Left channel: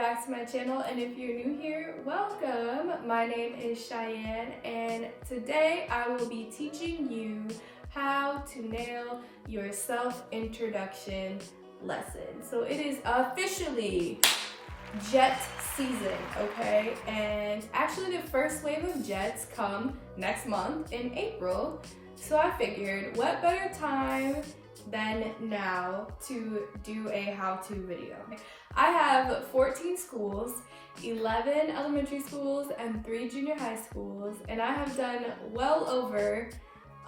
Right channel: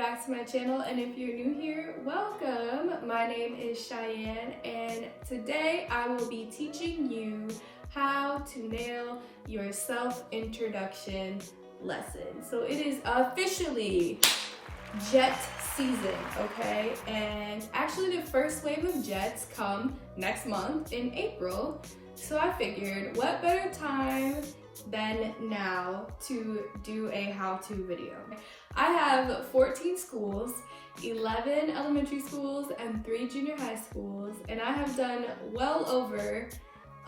back to my channel, and if you're new here, welcome. My name is Cheyenne, and today I will be teaching you how to nail your self-introduction lesson. So it is officially jet season, okay? And actually the first wave of jets come next month in April. So I figured what better time than now to do a how-to video. I have 14 schools, 11 elementary schools, and 3 junior high schools, and I have done well over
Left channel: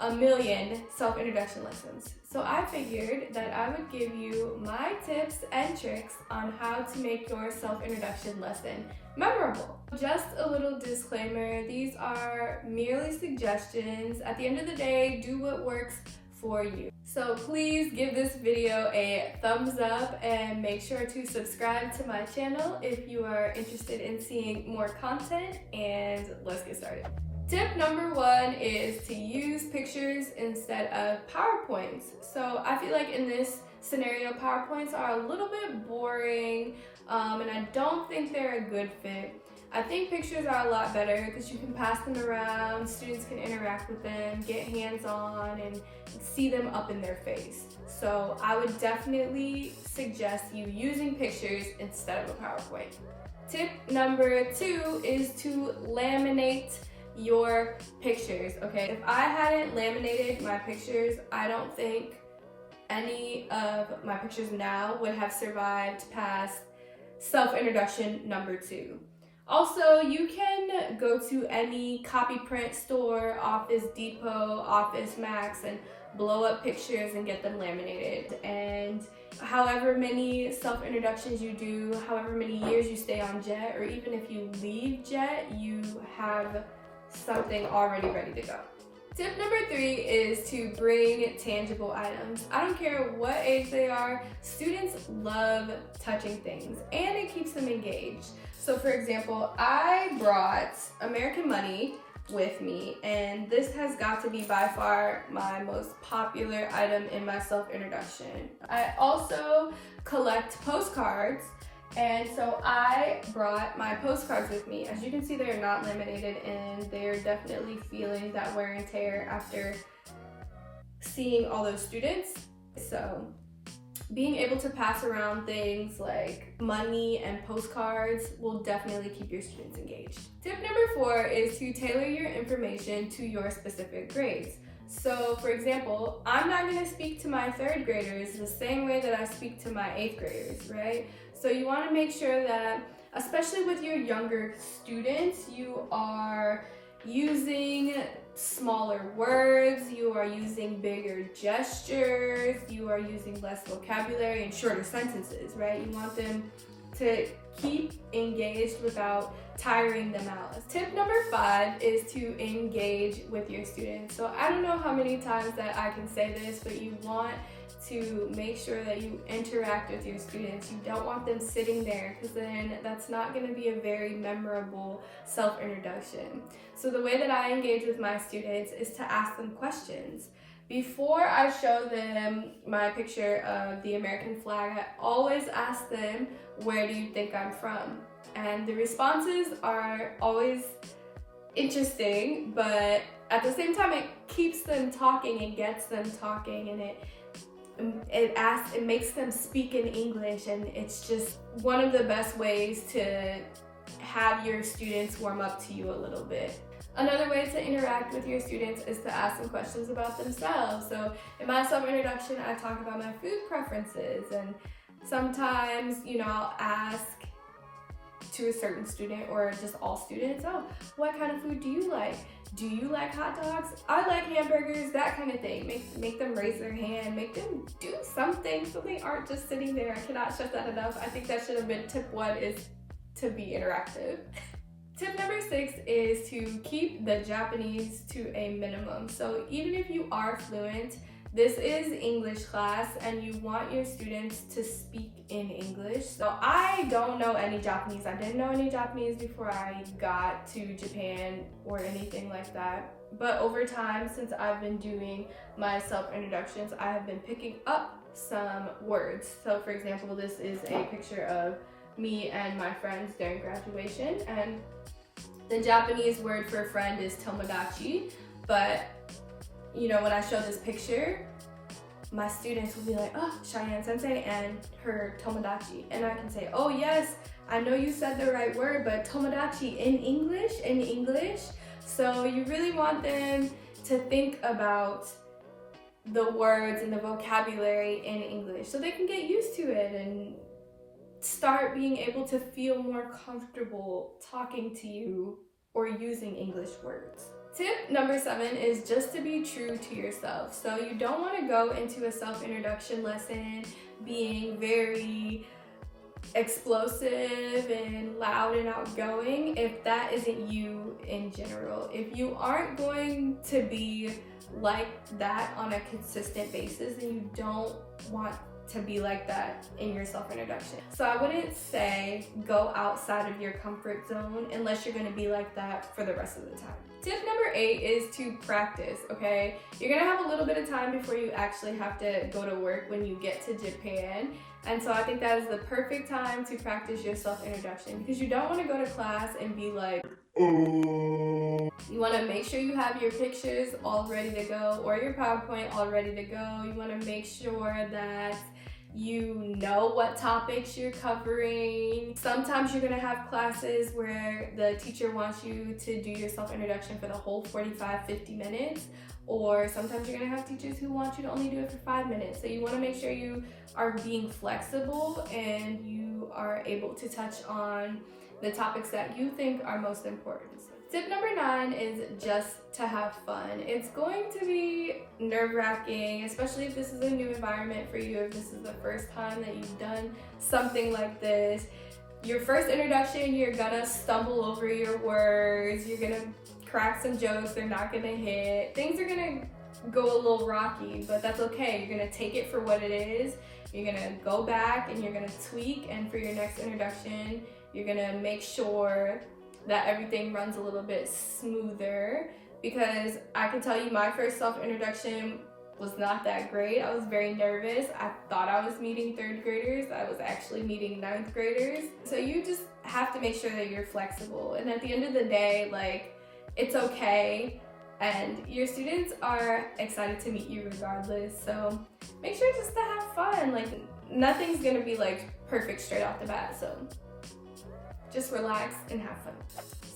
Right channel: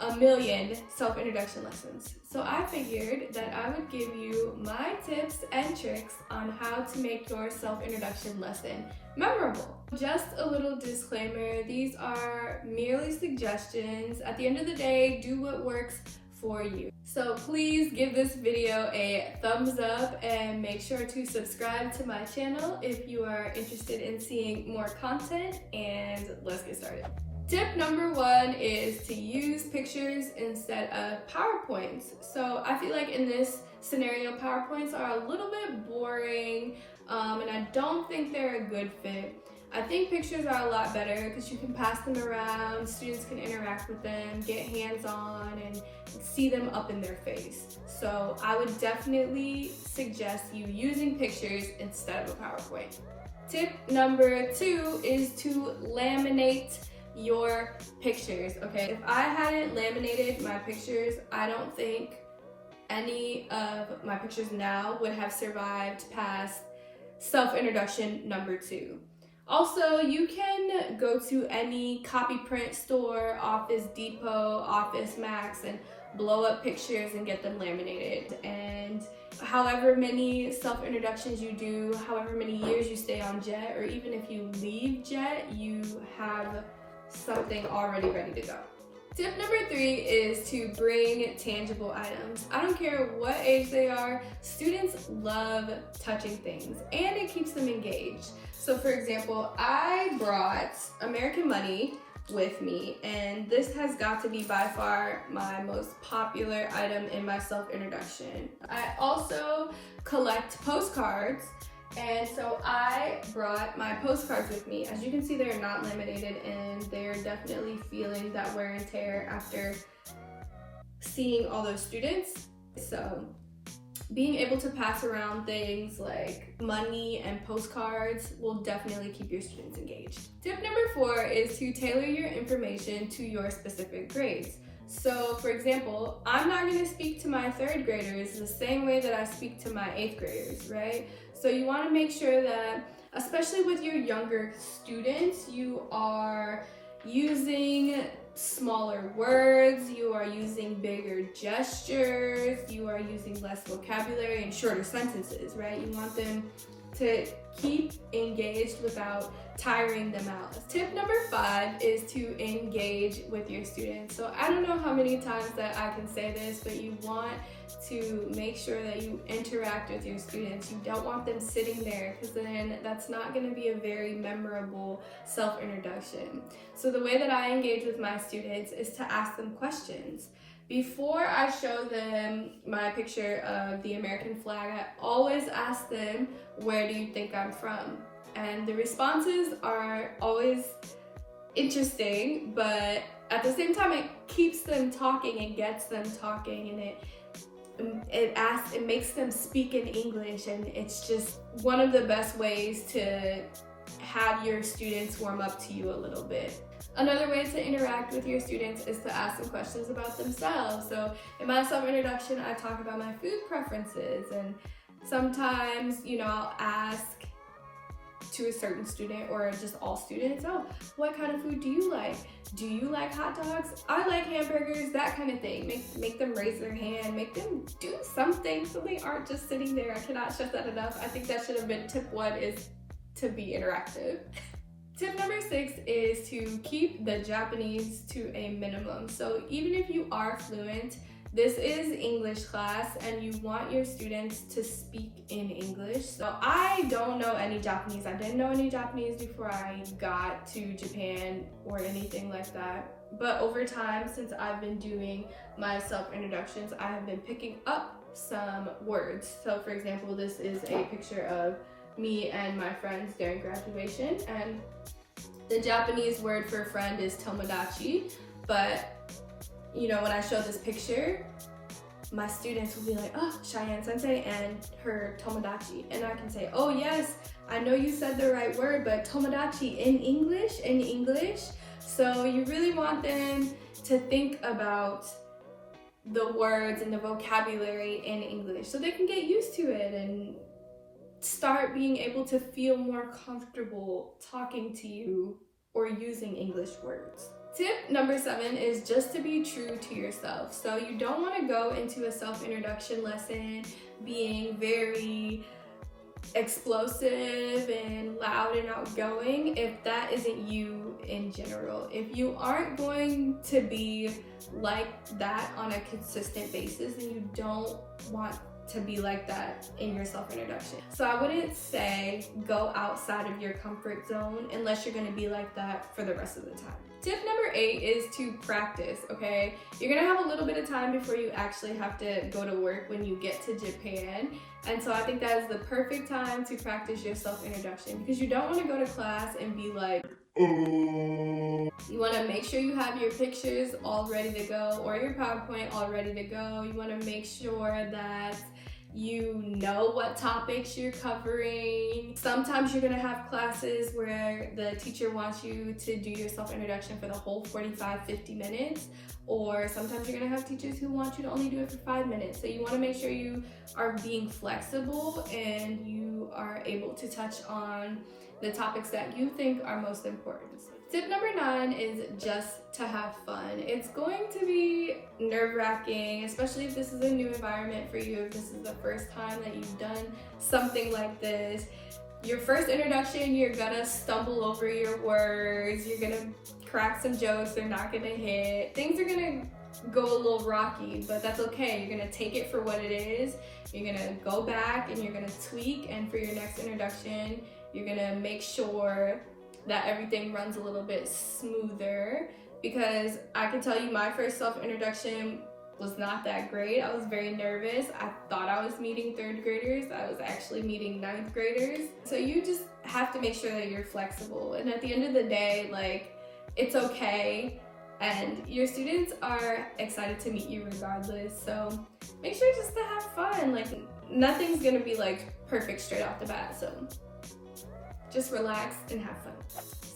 1 million self-introduction lessons. So I figured that I would give you my tips and tricks on how to make your self-introduction lesson memorable. Just a little disclaimer, these are merely suggestions. At the end of the day, do what works for you. So please give this video a thumbs up and make sure to subscribe to my channel if you are interested in seeing more content, and let's get started. Tip number 1 is to use pictures instead of PowerPoints. So I feel like in this scenario, PowerPoints are a little bit boring, and I don't think they're a good fit. I think pictures are a lot better because you can pass them around, students can interact with them, get hands-on, and see them up in their face. So I would definitely suggest you using pictures instead of a PowerPoint. Tip number 2 is to laminate your pictures, okay? If I hadn't laminated my pictures, I don't think any of my pictures now would have survived past self-introduction number 2. Also, you can go to any copy print store, Office Depot, Office Max, and blow up pictures and get them laminated. And however many self-introductions you do, however many years you stay on Jet, or even if you leave Jet, you have something already ready to go. Tip number 3 is to bring tangible items. I don't care what age they are, students love touching things and it keeps them engaged. So for example, I brought American money with me, and this has got to be by far my most popular item in my self-introduction. I also collect postcards, and so I brought my postcards with me. As you can see, they're not laminated and they're definitely feeling that wear and tear after seeing all those students. So being able to pass around things like money and postcards will definitely keep your students engaged. Tip number 4 is to tailor your information to your specific grades. So for example, I'm not going to speak to my 3rd graders the same way that I speak to my 8th graders, right? So you want to make sure that, especially with your younger students, you are using smaller words, you are using bigger gestures, you are using less vocabulary and shorter sentences, right? You want them to keep engaged without tiring them out. Tip number 5 is to engage with your students. So I don't know how many times that I can say this, but you want to make sure that you interact with your students. You don't want them sitting there, because then that's not going to be a very memorable self-introduction. So the way that I engage with my students is to ask them questions. Before I show them my picture of the American flag, I always ask them, where do you think I'm from? And the responses are always interesting, but at the same time, it keeps them talking, it gets them talking, and it makes them speak in English, and it's just one of the best ways to have your students warm up to you a little bit. Another way to interact with your students is to ask them questions about themselves. So in my self-introduction, I talk about my food preferences, and sometimes, I'll ask to a certain student or just all students, oh, what kind of food do you like? Do you like hot dogs? I like hamburgers, that kind of thing. Make them raise their hand, make them do something so they aren't just sitting there. I cannot stress that enough. I think that should have been tip 1, is to be interactive. Tip number 6 is to keep the Japanese to a minimum. So even if you are fluent, this is English class and you want your students to speak in English. So I don't know any Japanese. I didn't know any Japanese before I got to Japan or anything like that. But over time, since I've been doing my self-introductions, I have been picking up some words. So for example, this is a picture of me and my friends during graduation. And the Japanese word for friend is tomodachi, but you know, when I show this picture, my students will be like, oh, Cheyenne Sensei and her tomodachi. And I can say, oh yes, I know you said the right word, but tomodachi in English. So you really want them to think about the words and the vocabulary in English so they can get used to it and start being able to feel more comfortable talking to you or using English words. Tip number 7 is just to be true to yourself. So you don't want to go into a self-introduction lesson being very explosive and loud and outgoing if that isn't you in general. If you aren't going to be like that on a consistent basis, then you don't want to be like that in your self-introduction. So I wouldn't say go outside of your comfort zone unless you're going to be like that for the rest of the time. Tip number 8 is to practice, okay? You're gonna have a little bit of time before you actually have to go to work when you get to Japan. And so I think that is the perfect time to practice your self-introduction because you don't wanna go to class and be like, you wanna make sure you have your pictures all ready to go or your PowerPoint all ready to go. You wanna make sure that you know what topics you're covering. Sometimes you're gonna have classes where the teacher wants you to do your self-introduction for the whole 45-50 minutes, or sometimes you're gonna have teachers who want you to only do it for 5 minutes. So you wanna make sure you are being flexible and you are able to touch on the topics that you think are most important. Tip number 9 is just to have fun. It's going to be nerve-wracking, especially if this is a new environment for you, if this is the first time that you've done something like this. Your first introduction, you're gonna stumble over your words, you're gonna crack some jokes, they're not gonna hit. Things are gonna go a little rocky, but that's okay. You're gonna take it for what it is. You're gonna go back and you're gonna tweak, and for your next introduction, you're gonna make sure that everything runs a little bit smoother, because I can tell you my first self-introduction was not that great. I was very nervous. I thought I was meeting 3rd graders. I was actually meeting 9th graders. So you just have to make sure that you're flexible. And at the end of the day, like, it's okay. And your students are excited to meet you regardless. So make sure just to have fun. Like, nothing's gonna be like perfect straight off the bat. So just relax and have fun.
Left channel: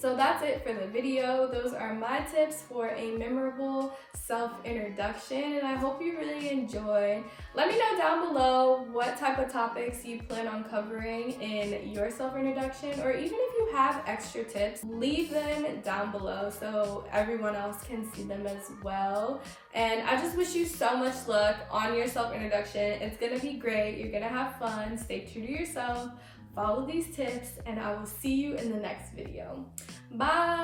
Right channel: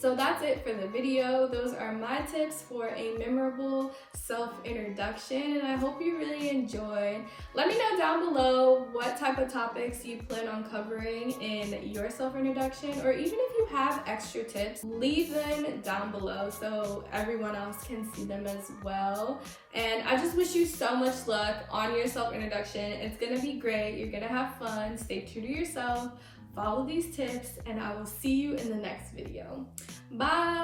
So that's it for the video. Those are my tips for a memorable self-introduction, and I hope you really enjoyed. Let me know down below what type of topics you plan on covering in your self-introduction, or even if you have extra tips, leave them down below so everyone else can see them as well. And I just wish you so much luck on your self-introduction. It's gonna be great. You're gonna have fun. Stay true to yourself. Follow these tips, and I will see you in the next video. Bye!